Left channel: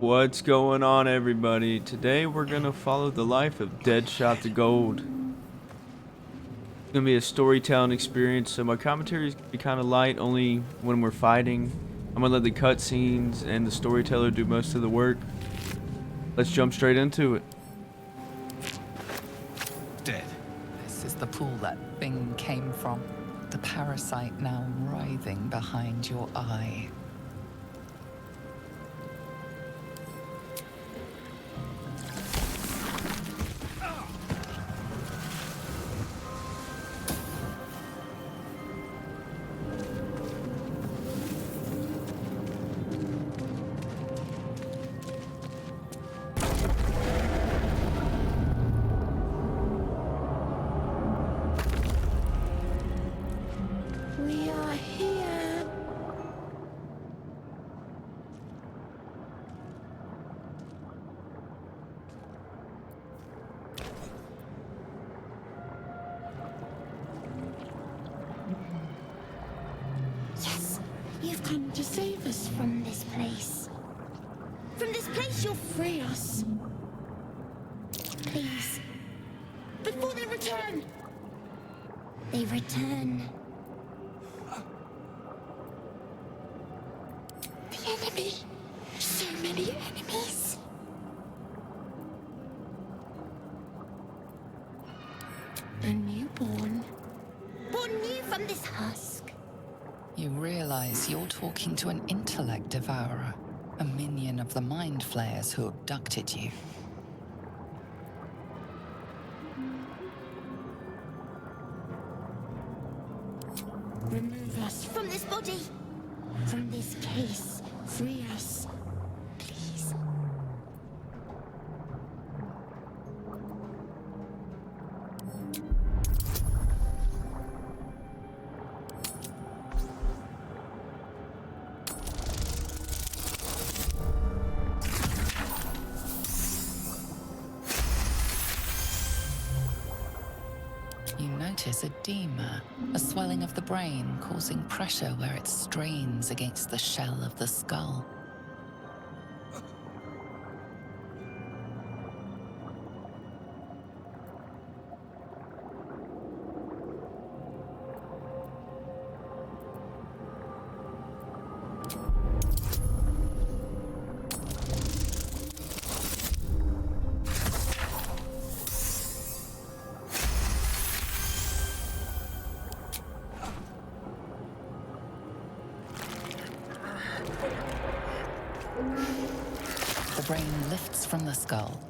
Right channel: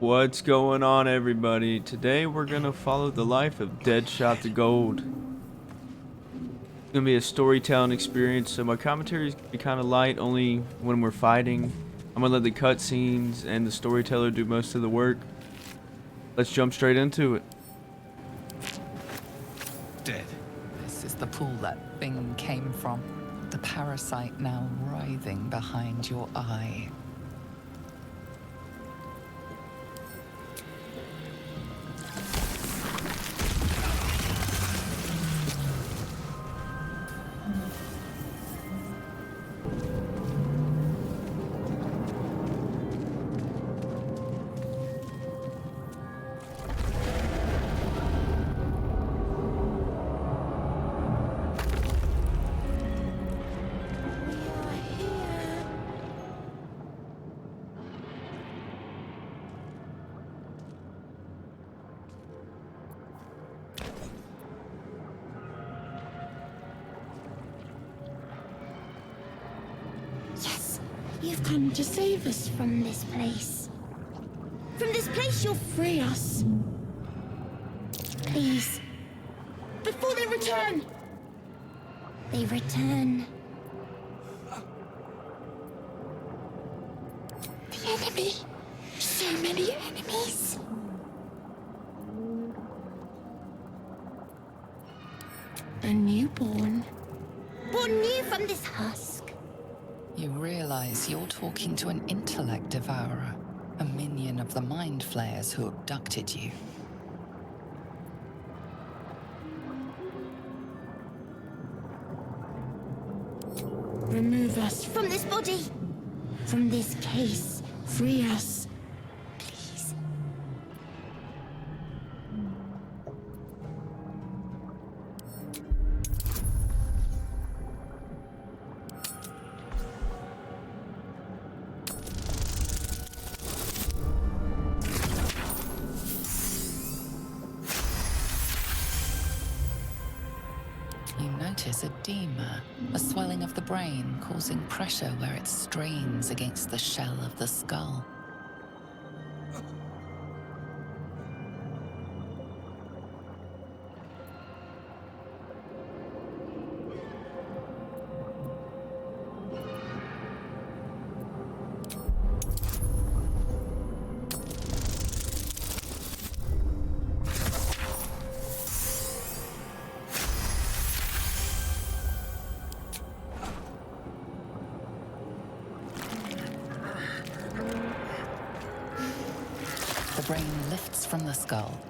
What's going on, everybody? Today we're gonna follow the life of Deadshot the Gold. It's gonna be a storytelling experience, so my commentary is gonna be kind of light, only when we're fighting. I'm gonna let the cutscenes and the storyteller do most of the work. Let's jump straight into it. Dead. This is the pool that thing came from. The parasite now writhing behind your eye. We are here. Yes, you've come to save us from this place. From this place, you'll free us. Please. Before they return. They return. The enemy. So many enemies. A newborn. Born new from this husk. You realize you're talking to an intellect devourer, a minion of the mind flayers who abducted you. Remove us from this body. From this case. Free us. Please. You notice edema, a swelling of the brain causing pressure where it strains against the shell of the skull. The brain lifts from the skull,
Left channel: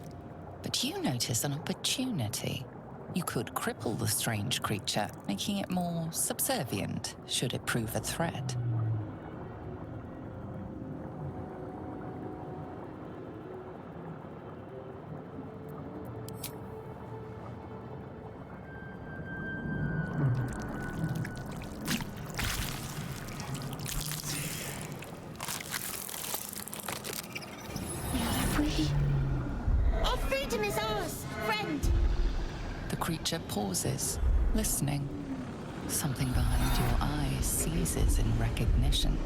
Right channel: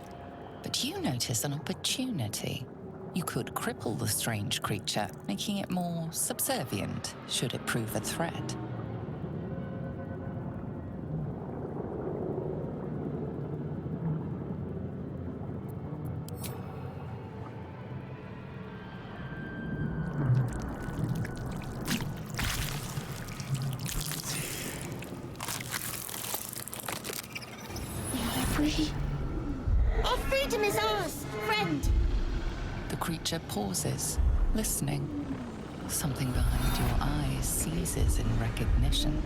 but you notice an opportunity. You could cripple the strange creature, making it more subservient should it prove a threat. We are free. Our freedom is ours, friend. The creature pauses, listening. Something behind your eyes seizes in recognition.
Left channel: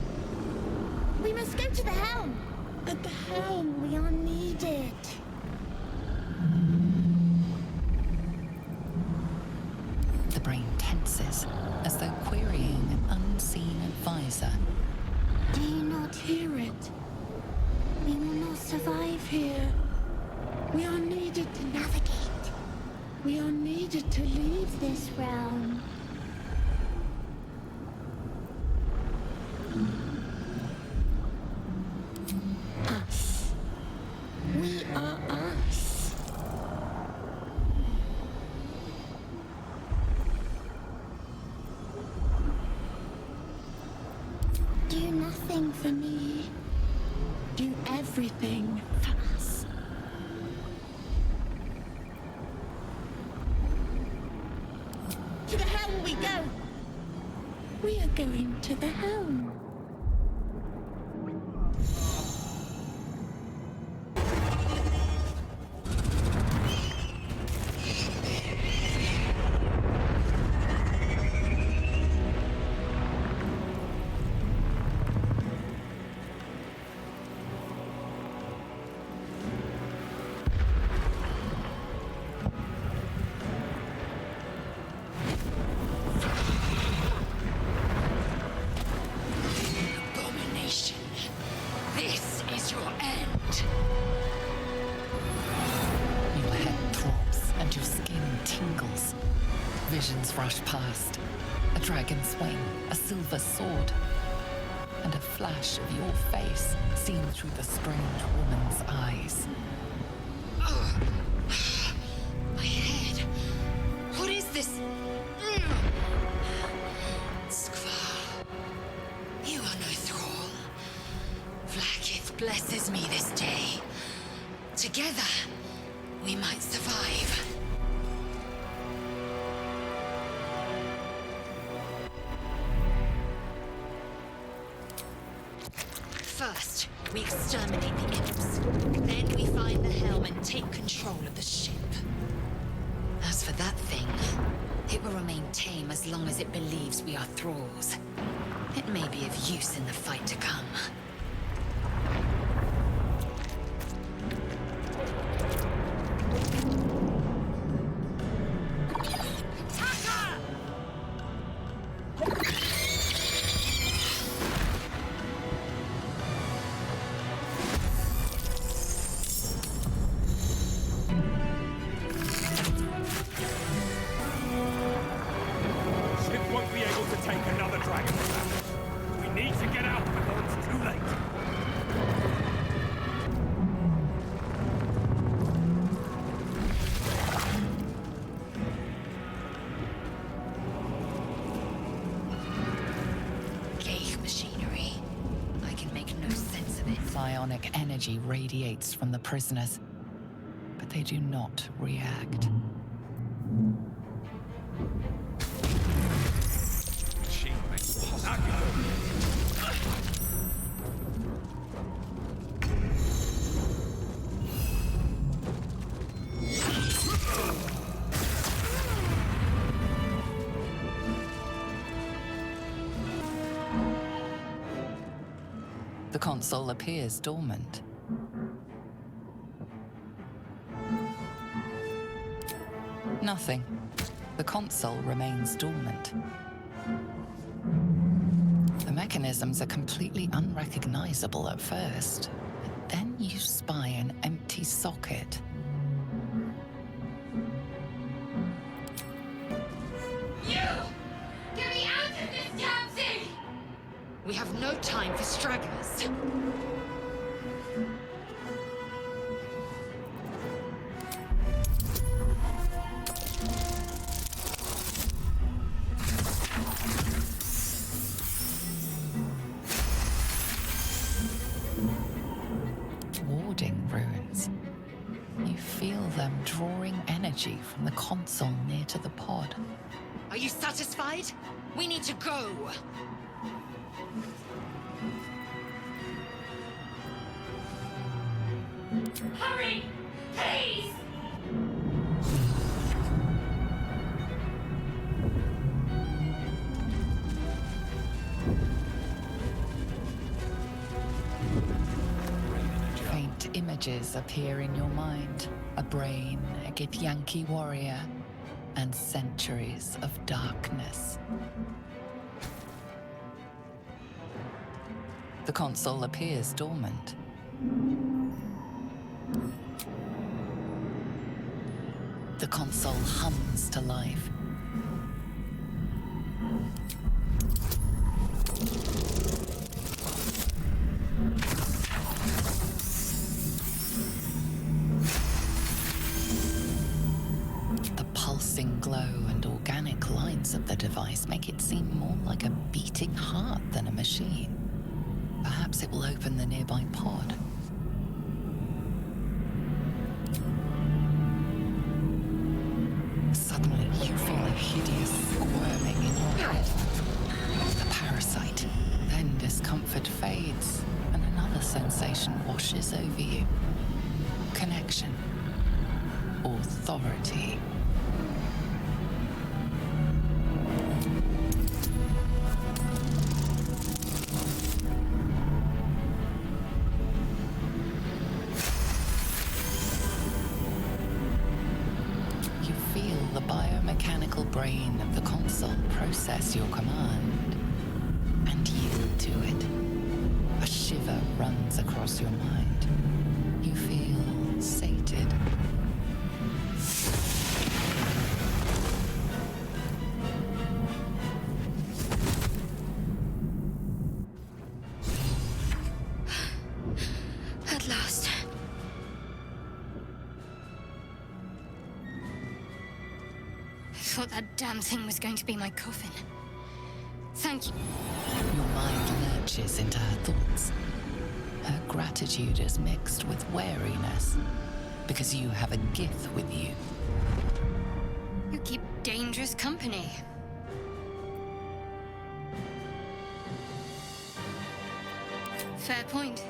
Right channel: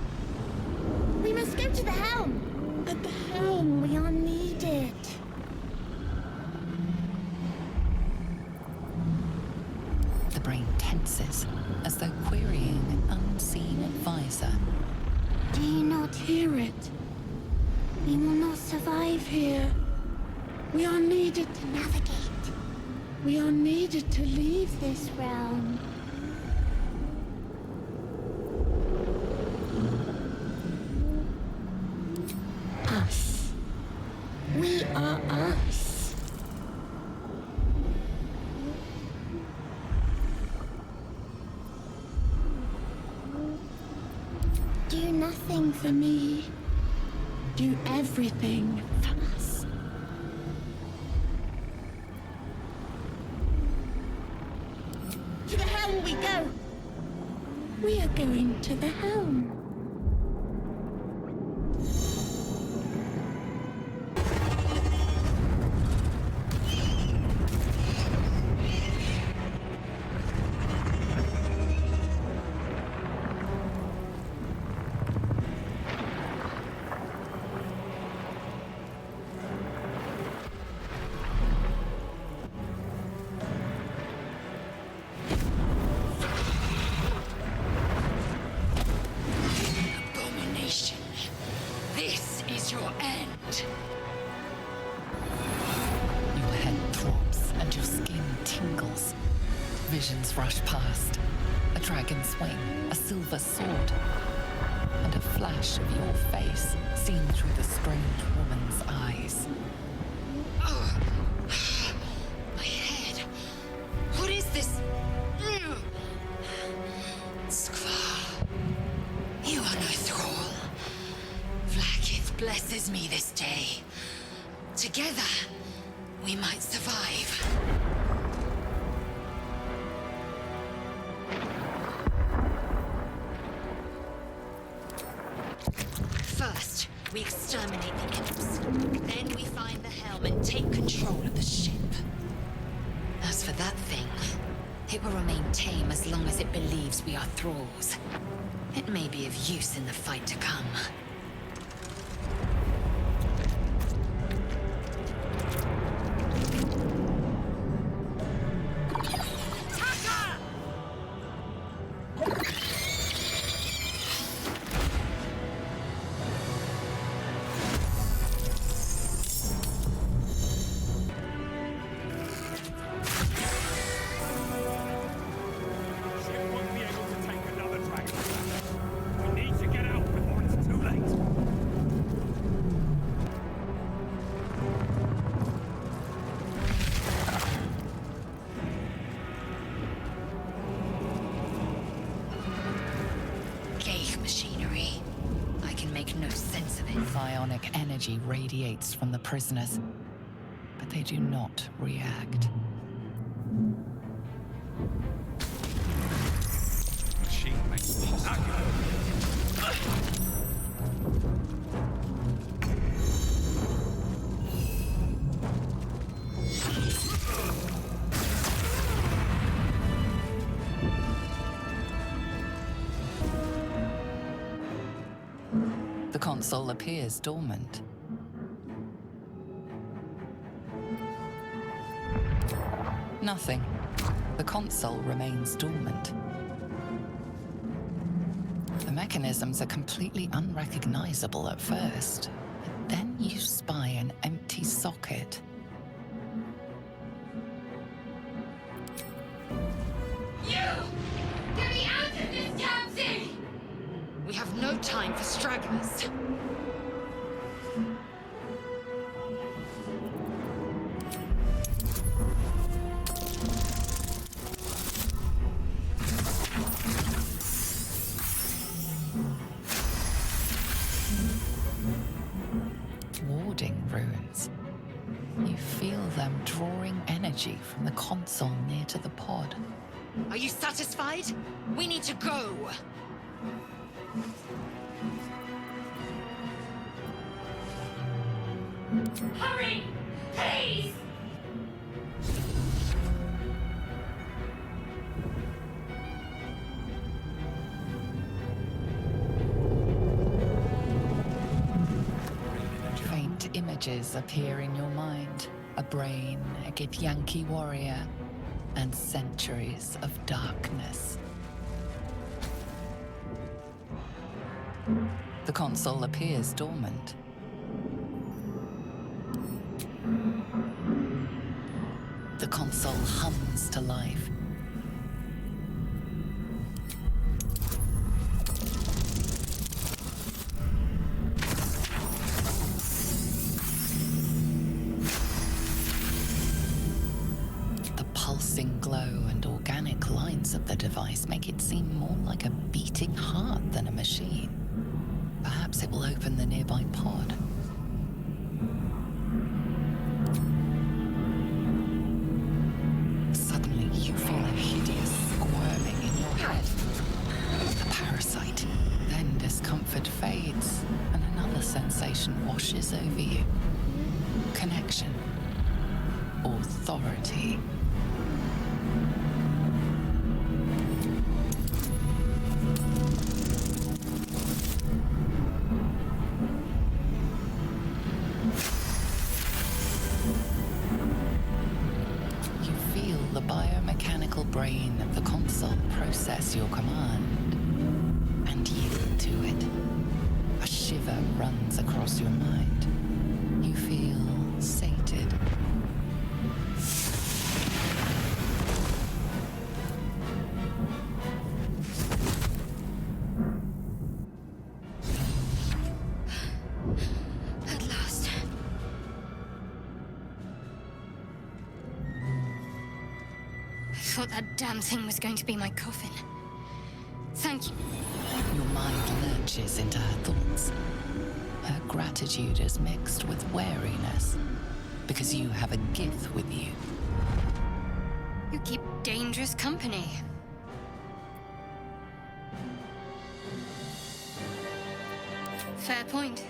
We must go to the helm. At the helm, we are needed. The brain tenses, as though querying an unseen advisor. Do you not hear it? We will not survive here. We are needed to navigate. We are needed to leave this realm. Us. We are us. Do nothing for me. Do everything for us. To the helm we go. We are going to the helm. This is your end. Your head throbs and your skin tingles. Visions rush past. A dragon's wing, a silver sword, and a flash of your face seen through the strange woman's eyes. Oh, my head. What is this? Skvar, you are no thrall. Vlaakith blesses me this day. Together, we might survive. First, we exterminate the imps. Then we find the helm and take control of the ship. As for that thing, it will remain tame as long as it believes we are thralls. It may be of use in the fight to come. Won't be able to take another dragon. We need to get out before it's too late. Ghaik machinery. I can make no sense of it. Psionic energy radiates from the prisoners, but they do not react. The console appears dormant. Nothing. The console remains dormant. The mechanisms are completely unrecognizable at first, but then you spy an empty socket. You! Get me out of this damn thing! We have no time for stragglers. Warding runes. You feel them drawing energy from the console near to the pod. Are you satisfied? We need to go! Hurry! Please! Faint images appear in your mind. A brain, a Githyanki warrior, and centuries of darkness. The console appears dormant. The console hums to life. The pulsing glow and organic lines of the device make it seem more like a beating heart than a machine. Perhaps it will open the nearby pod. Suddenly, you feel a hideous squirming in your head. A parasite. Then discomfort fades, and another sensation washes over you. Connection. Authority. You feel the biomechanical brain of the console process your command and yield to it. A shiver answer runs across your mind. You feel sated. At last. I thought that damn thing was going to be my coffin. Thank you. Your mind lurches into her thoughts. Her gratitude is mixed with wariness, because you have a Gith with you. You keep dangerous company. Fair point.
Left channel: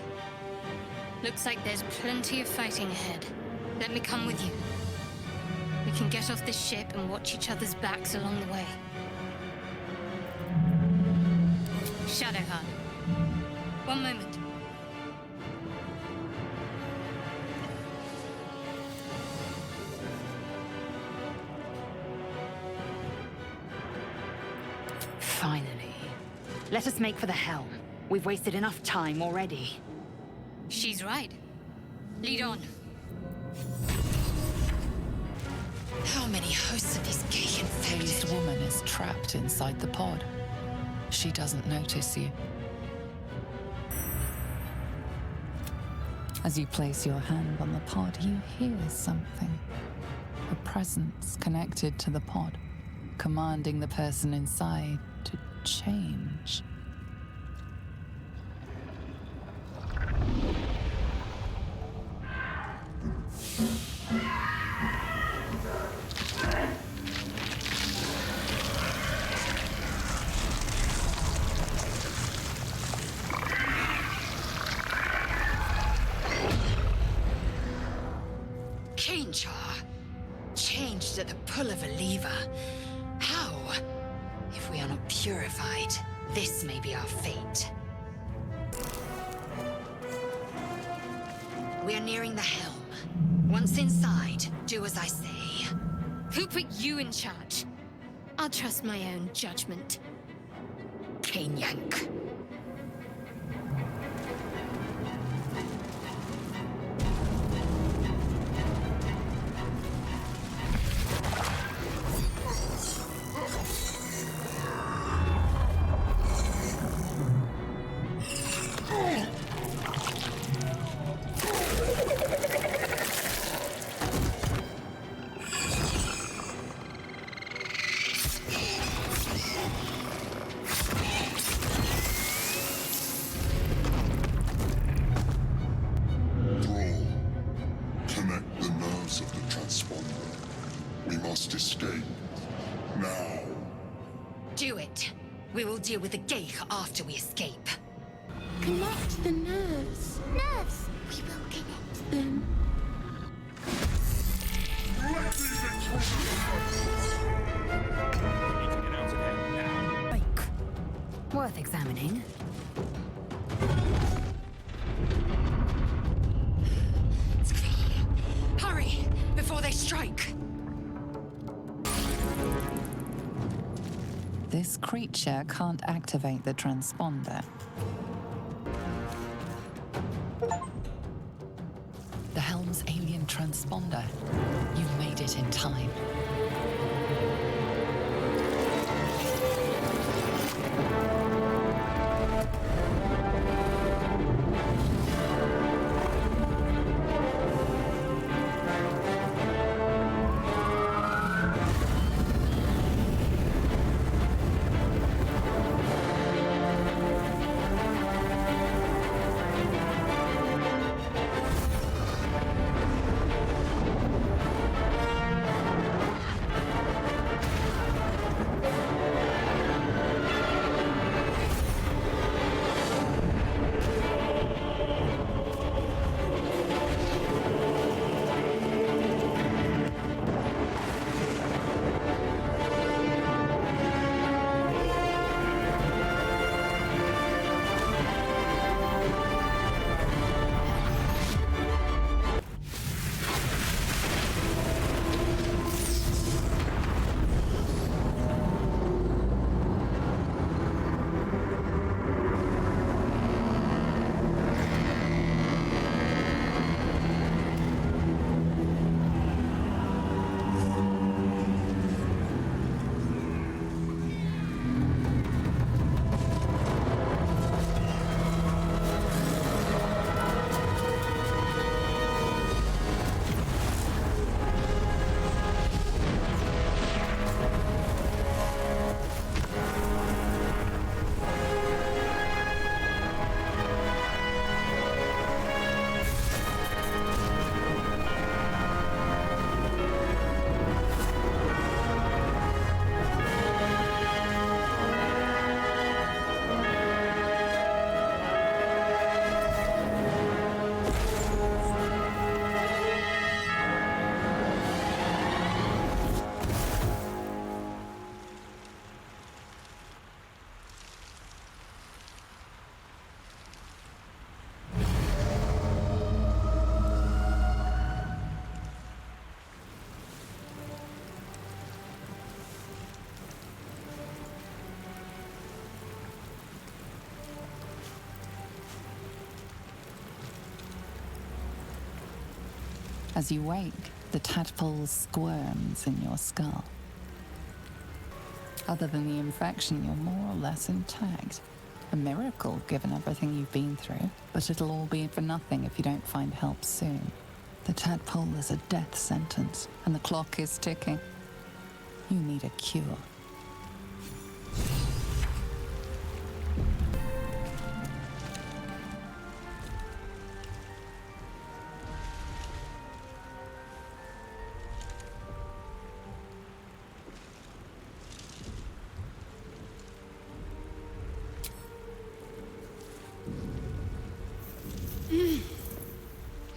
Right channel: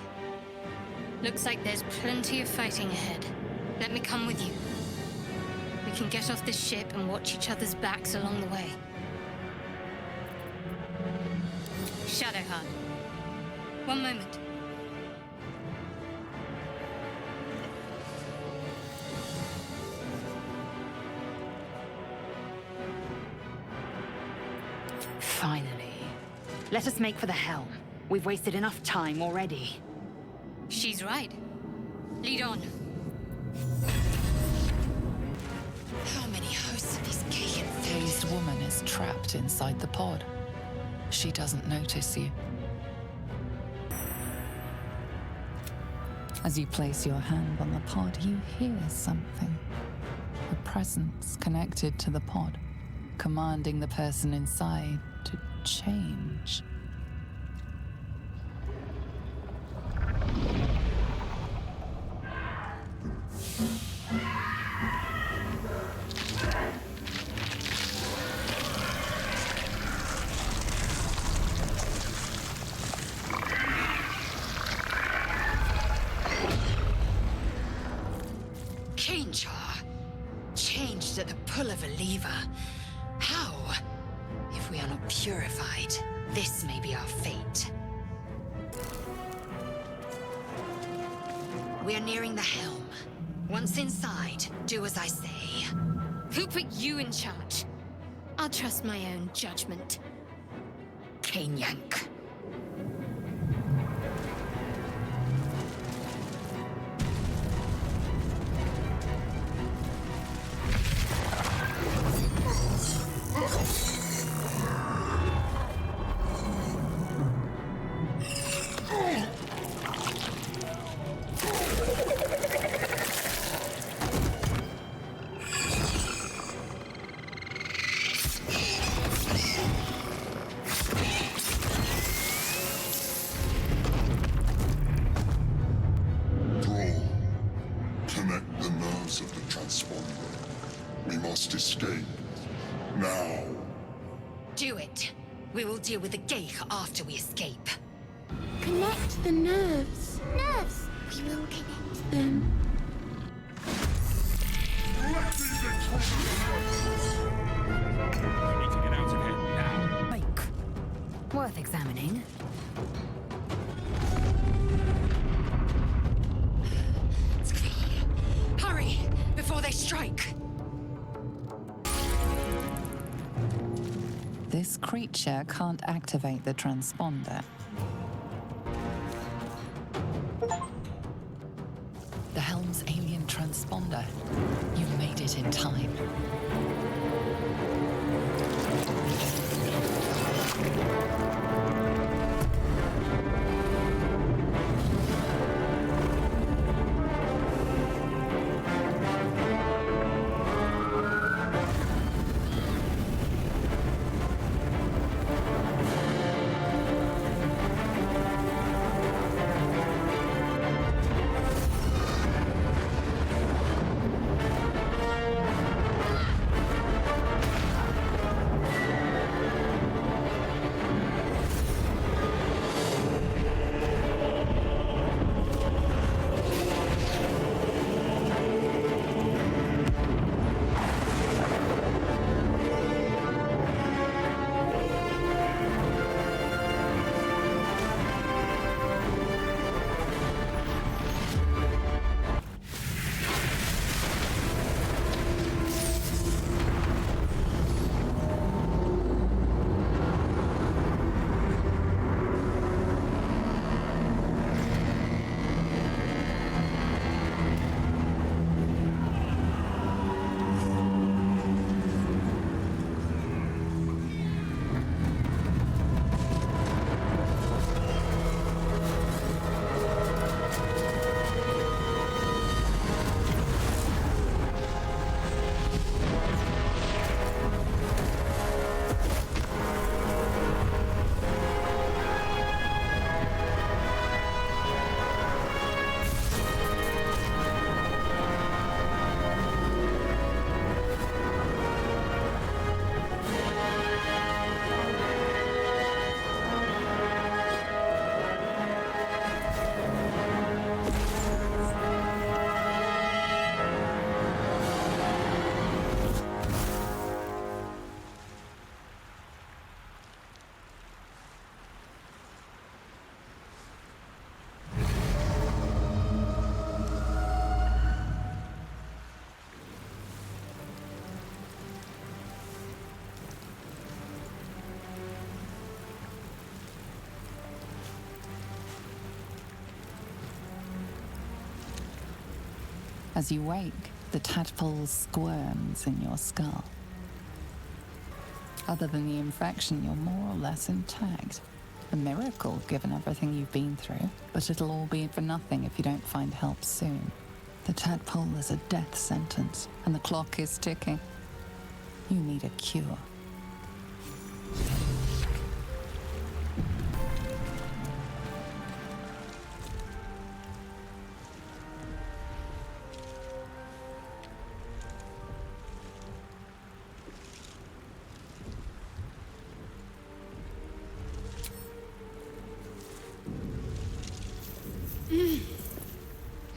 Looks like there's plenty of fighting ahead. Let me come with you. We can get off this ship and watch each other's backs along the way. Shadowheart. One moment. Finally. Let us make for the helm. We've wasted enough time already. She's right. Lead on. How many hosts of these gay Dazed infected? woman is trapped inside the pod. She doesn't notice you. As you place your hand on the pod, you hear something. A presence connected to the pod, commanding the person inside to change. Changed at the pull of a lever. How? If we are not purified, this may be our fate. We are nearing the helm. Once inside, do as I say. Who put you in charge? I'll trust my own judgment. Cane yank. Connect the nerves of the transponder. We must escape. Now. Do it. We will deal with the Geich after we escape. Connect the nerves. Nerves! We will connect them. Let these intruders We need to get out of here now. Bike. Worth examining. Hurry, before they strike. This creature can't activate the transponder. The helm's alien transponder. You've made it in time. As you wake, the tadpole squirms in your skull. Other than the infection, you're more or less intact. A miracle, given everything you've been through, but it'll all be for nothing if you don't find help soon. The tadpole is a death sentence, and the clock is ticking. You need a cure.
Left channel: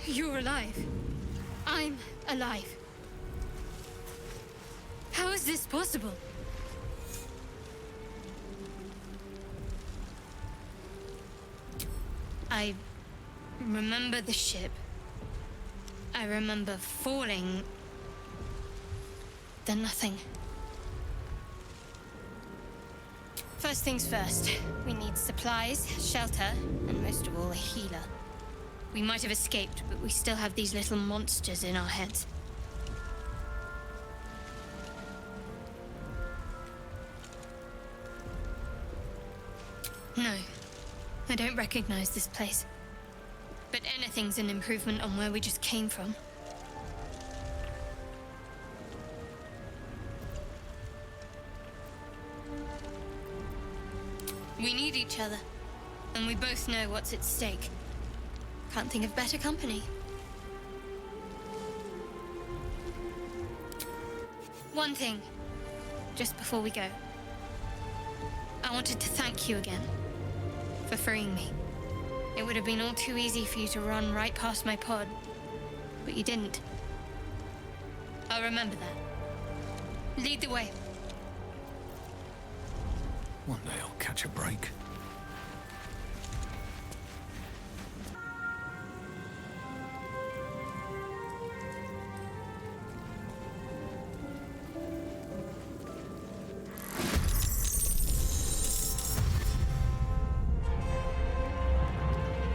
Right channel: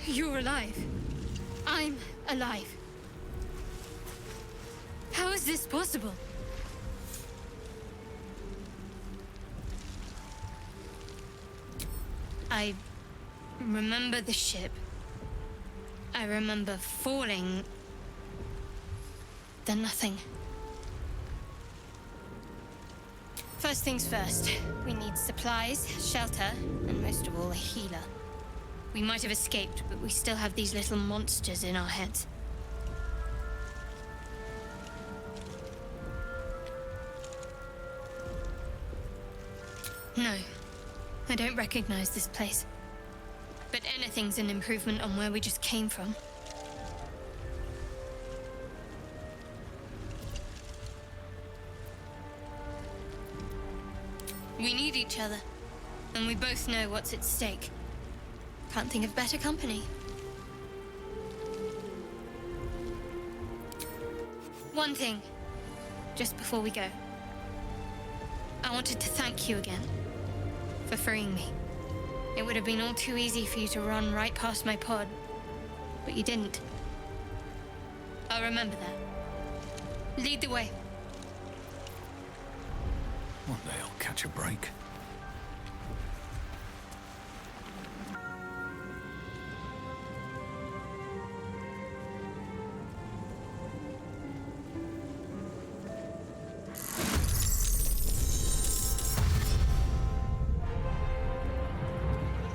You're alive. I'm alive. How is this possible? I remember the ship. I remember falling. Then nothing. First things first, we need supplies, shelter, and most of all, a healer. We might have escaped, but we still have these little monsters in our heads. No, I don't recognize this place. But anything's an improvement on where we just came from. We need each other, and we both know what's at stake. Can't think of better company. One thing, just before we go. I wanted to thank you again for freeing me. It would have been all too easy for you to run right past my pod, but you didn't. I'll remember that. Lead the way. One day I'll catch a break.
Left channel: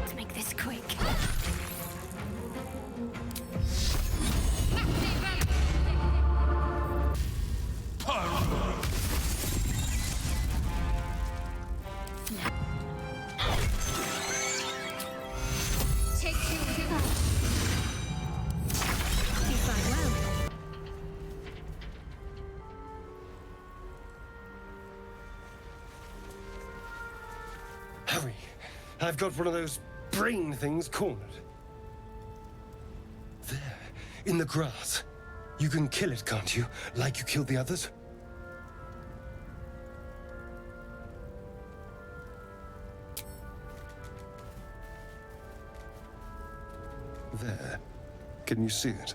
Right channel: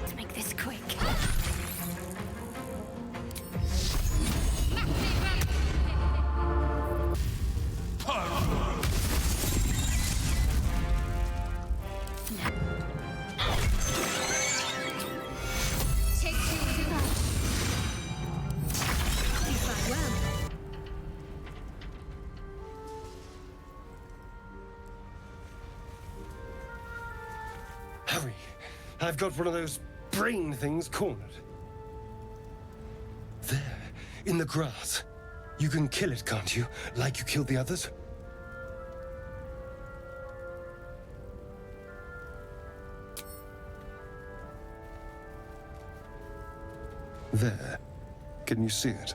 Let's make this quick. Take two. You fight well. Hurry! I've got one of those brain things cornered. There, in the grass. You can kill it, can't you? Like you killed the others? There. Can you see it?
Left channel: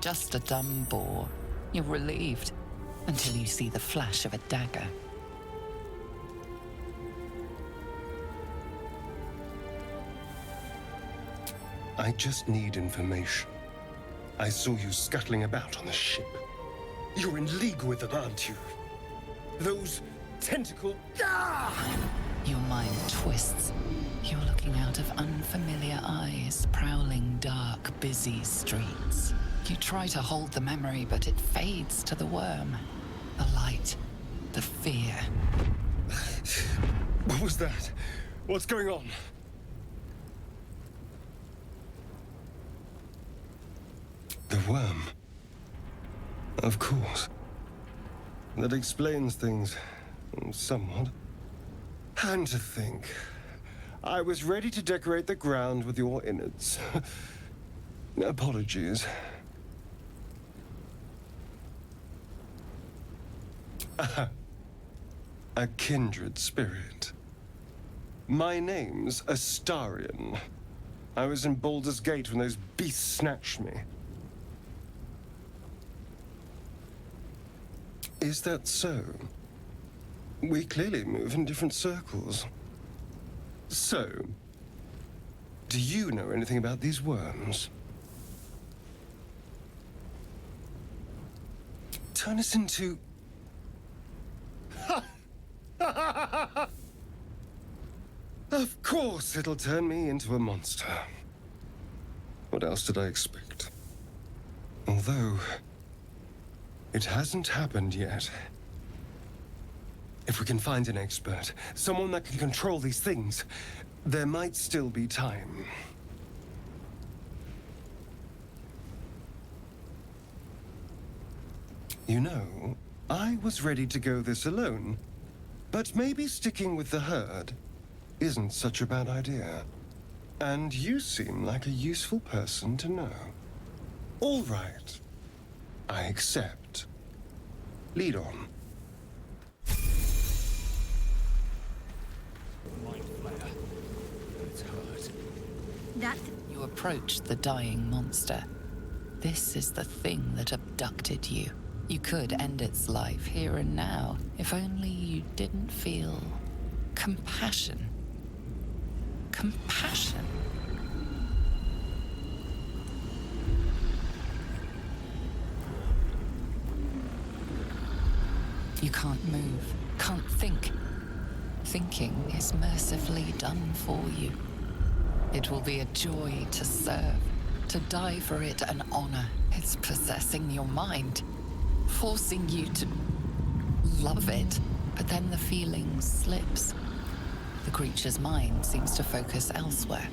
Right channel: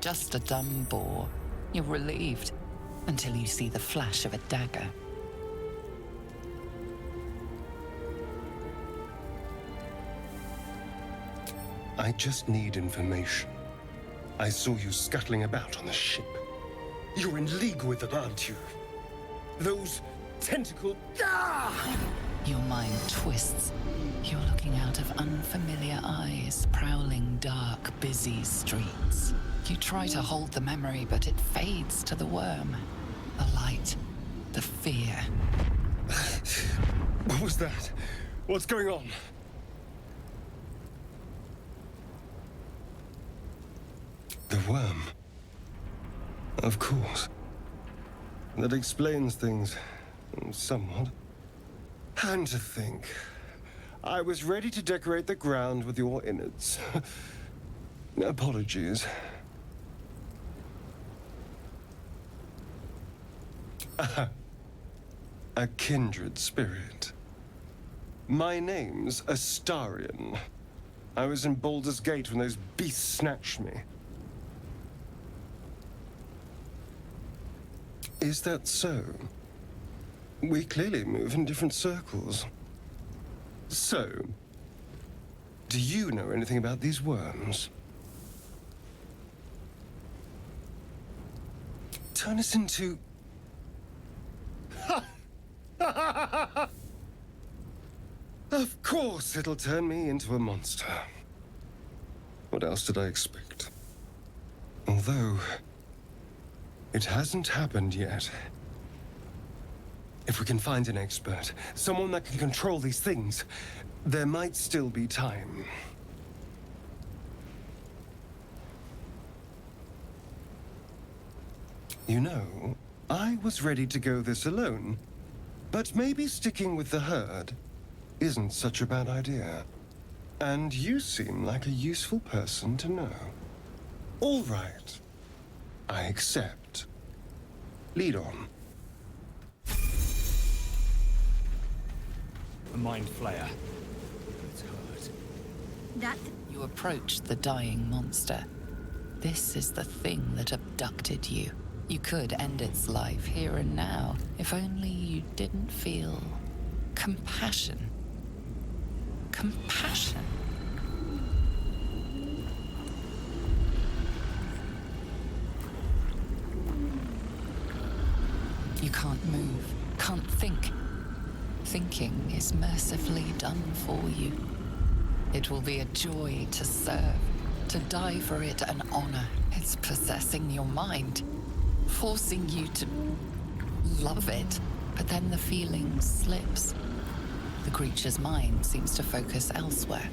Just a dumb boar. You're relieved until you see the flash of a dagger. I just need information. I saw you scuttling about on the ship. You're in league with them, aren't you? Those tentacle... Ah! Your mind twists. You're looking out of unfamiliar eyes, prowling dark, busy streets. You try to hold the memory, but it fades to the worm. The light, the fear. What was that? What's going on? The worm. Of course. That explains things somewhat. And to think, I was ready to decorate the ground with your innards. Apologies. A kindred spirit. My name's Astarion. I was in Baldur's Gate when those beasts snatched me. Is that so? We clearly move in different circles. So, do you know anything about these worms? Turn us into... Ha! guess it'll turn me into a monster. What else did I expect? Although, it hasn't happened yet. If we can find an expert, someone that can control these things, there might still be time. You know, I was ready to go this alone, but maybe sticking with the herd isn't such a bad idea. And you seem like a useful person to know. All right. I accept. Lead on. A mind flayer. It's hurt. That You approach the dying monster. This is the thing that abducted you. You could end its life here and now, if only you didn't feel compassion. Compassion. You can't move, can't think. Thinking is mercifully done for you. It will be a joy to serve, to die for it an honor. It's possessing your mind, forcing you to love it, but then the feeling slips. The creature's mind seems to focus elsewhere.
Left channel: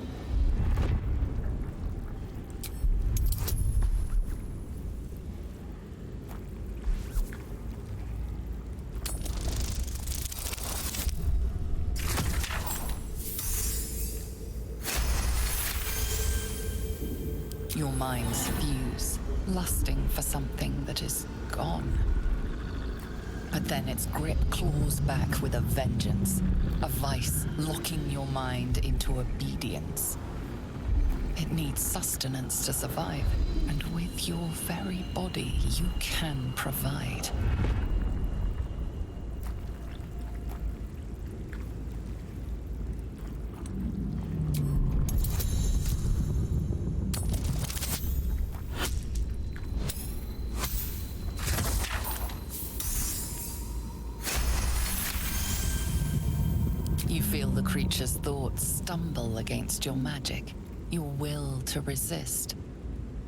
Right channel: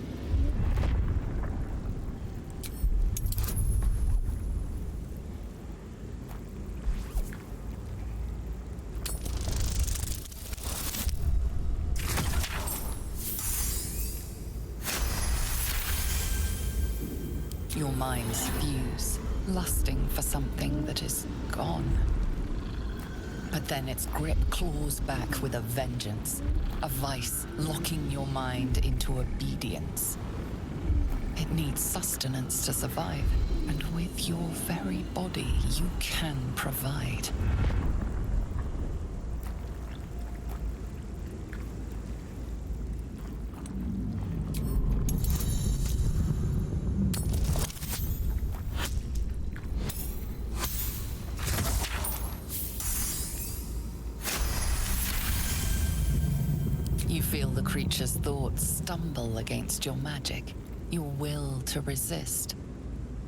Your minds fuse, lusting for something that is gone. But then its grip claws back with a vengeance, a vice locking your mind into obedience. It needs sustenance to survive, and with your very body, you can provide. You feel the creature's thoughts stumble against your magic, your will to resist.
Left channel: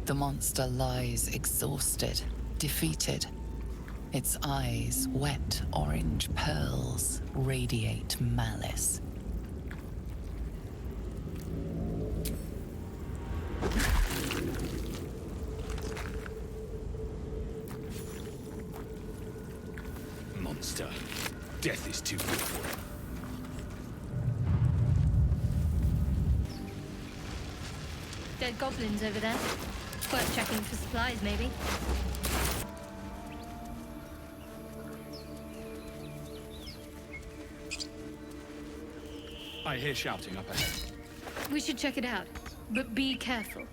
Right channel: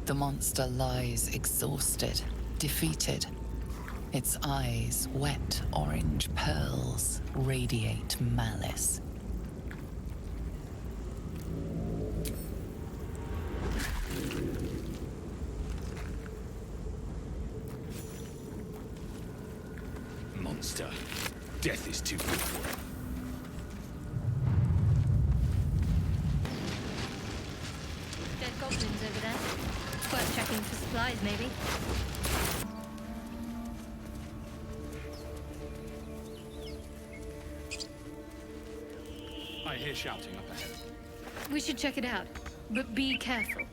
The monster lies exhausted, defeated. Its eyes, wet orange pearls, radiate malice. Monster. Death is too good for it. dead goblins over there. Worth checking for supplies, maybe. I hear shouting up ahead. We should check it out, but be careful.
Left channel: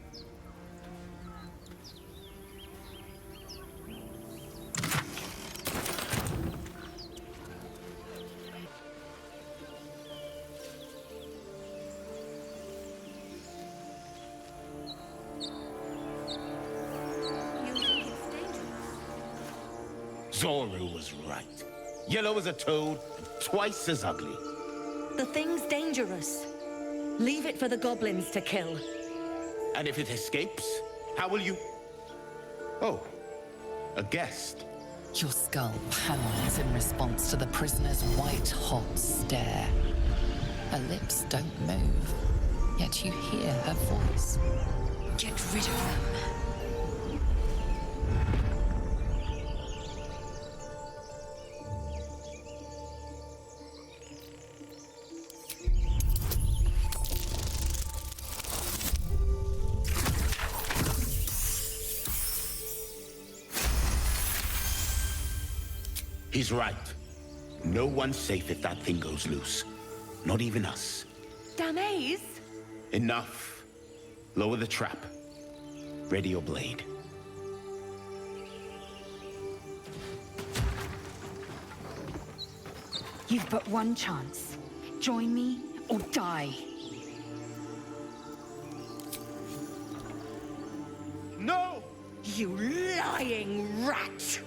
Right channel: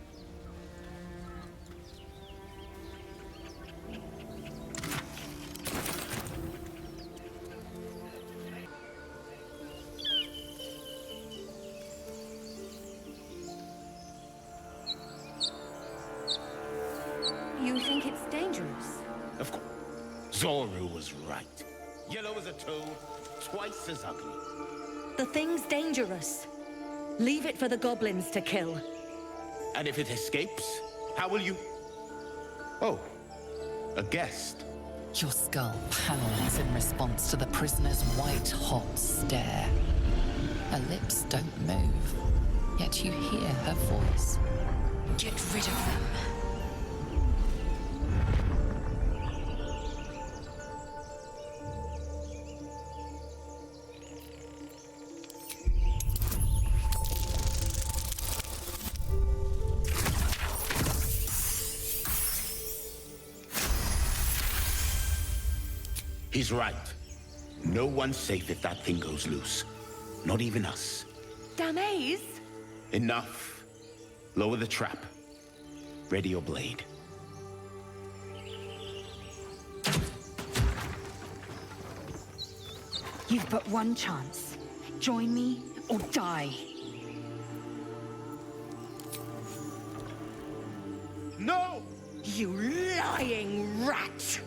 You think it's dangerous? Of course. Zoru was right. Yellow as a toad, twice as ugly. The thing's dangerous. Leave it for the goblins to kill. And if it escapes, how will you... Oh, a guest. Your skull pounds in response to the prisoner's white-hot stare. Her lips don't move, yet you hear her voice. Get rid of them. He's right. No one's safe if that thing goes loose. Not even us. Damaze? Enough. Lower the trap. Ready your blade. You've but one chance. Join me or die. No! You lying rat!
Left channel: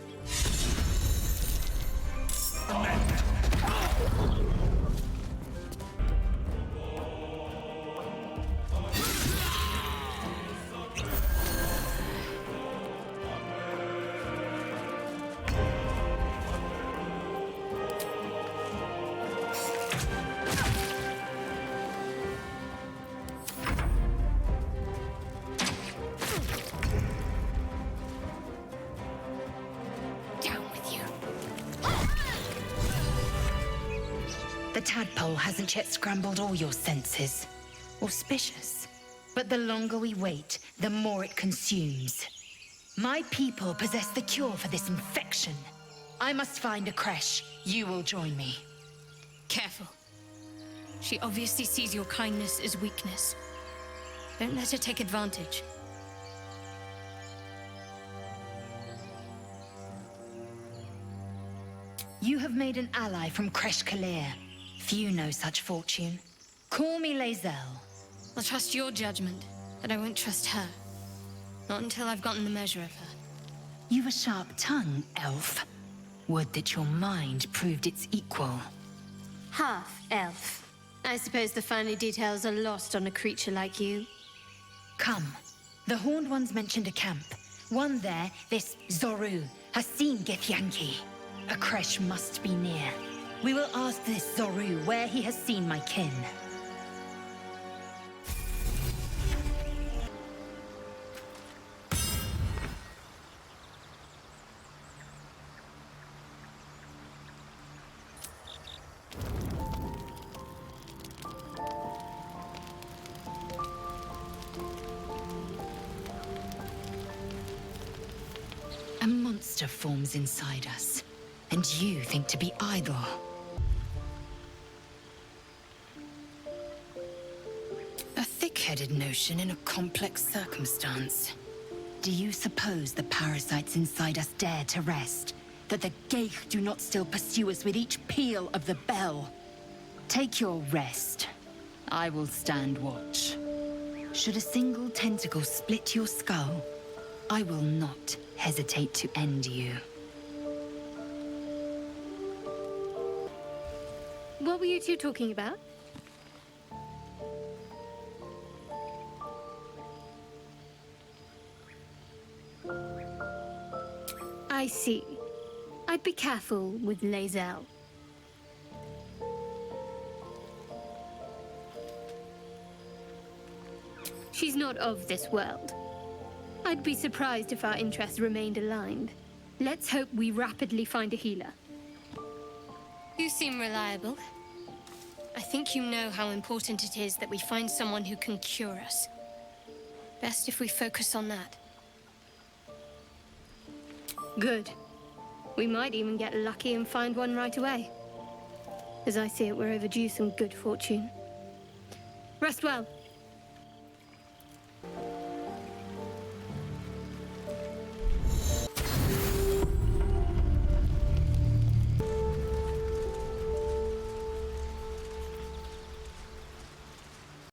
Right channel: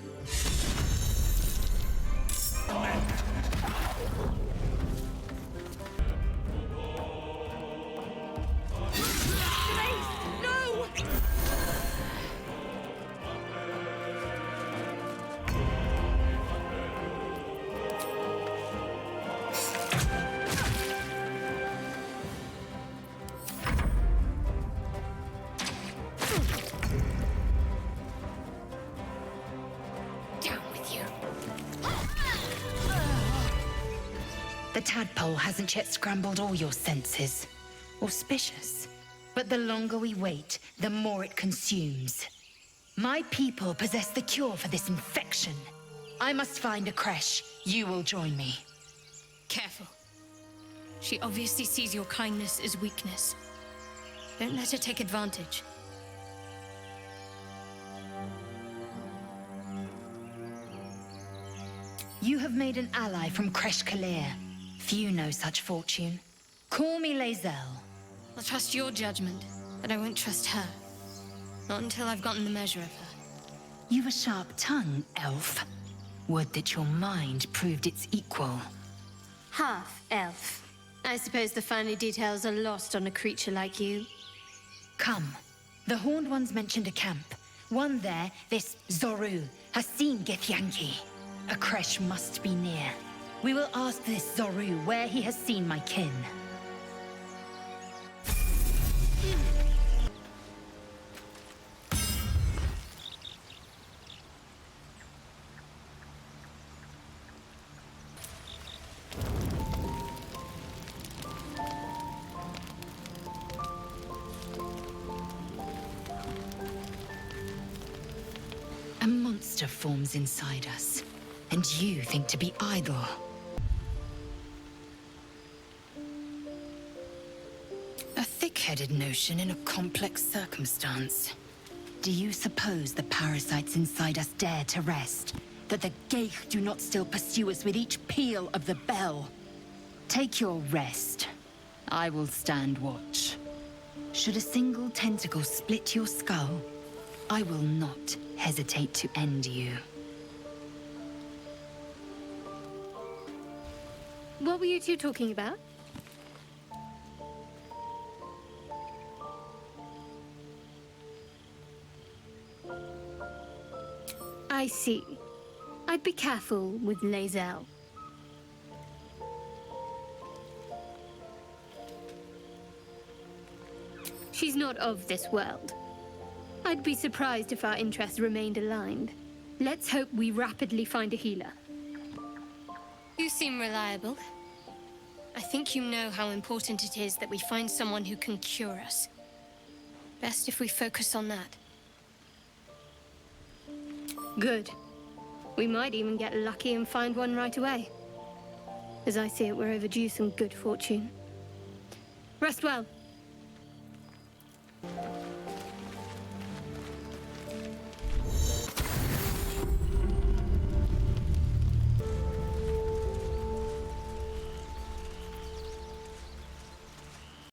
with you. The tadpole hasn't yet scrambled all your senses. Auspicious. But the longer we wait, the more it consumes. My people possess the cure for this infection. I must find a creche. You will join me. Careful. She obviously sees your kindness as weakness. Don't let her take advantage. You have made an ally from Creche Kalir. Few know such fortune. Call me Lae'zel. I'll trust your judgment, but I won't trust her. Not until I've gotten the measure of her. You've a sharp tongue, elf. Would that your mind proved its equal. Half-elf. I suppose the finer details are lost on a creature like you. Come. The Horned Ones mentioned a camp. One there, this Zorru, has seen Githyanki. A creche must be near. We will ask this Zorru where he has seen my kin. A monster forms inside us, and you think to be idle. A thick-headed notion in a complex circumstance. Do you suppose the parasites inside us dare to rest? That the Geich do not still pursue us with each peal of the bell? Take your rest. I will stand watch. Should a single tentacle split your skull, I will not hesitate to end you. What were you two talking about? I see. I'd be careful with Lae'zel. She's not of this world. I'd be surprised if our interests remained aligned. Let's hope we rapidly find a healer. You seem reliable. I think you know how important it is that we find someone who can cure us. Best if we focus on that. Good. We might even get lucky and find one right away. As I see it, we're overdue some good fortune. Rest well.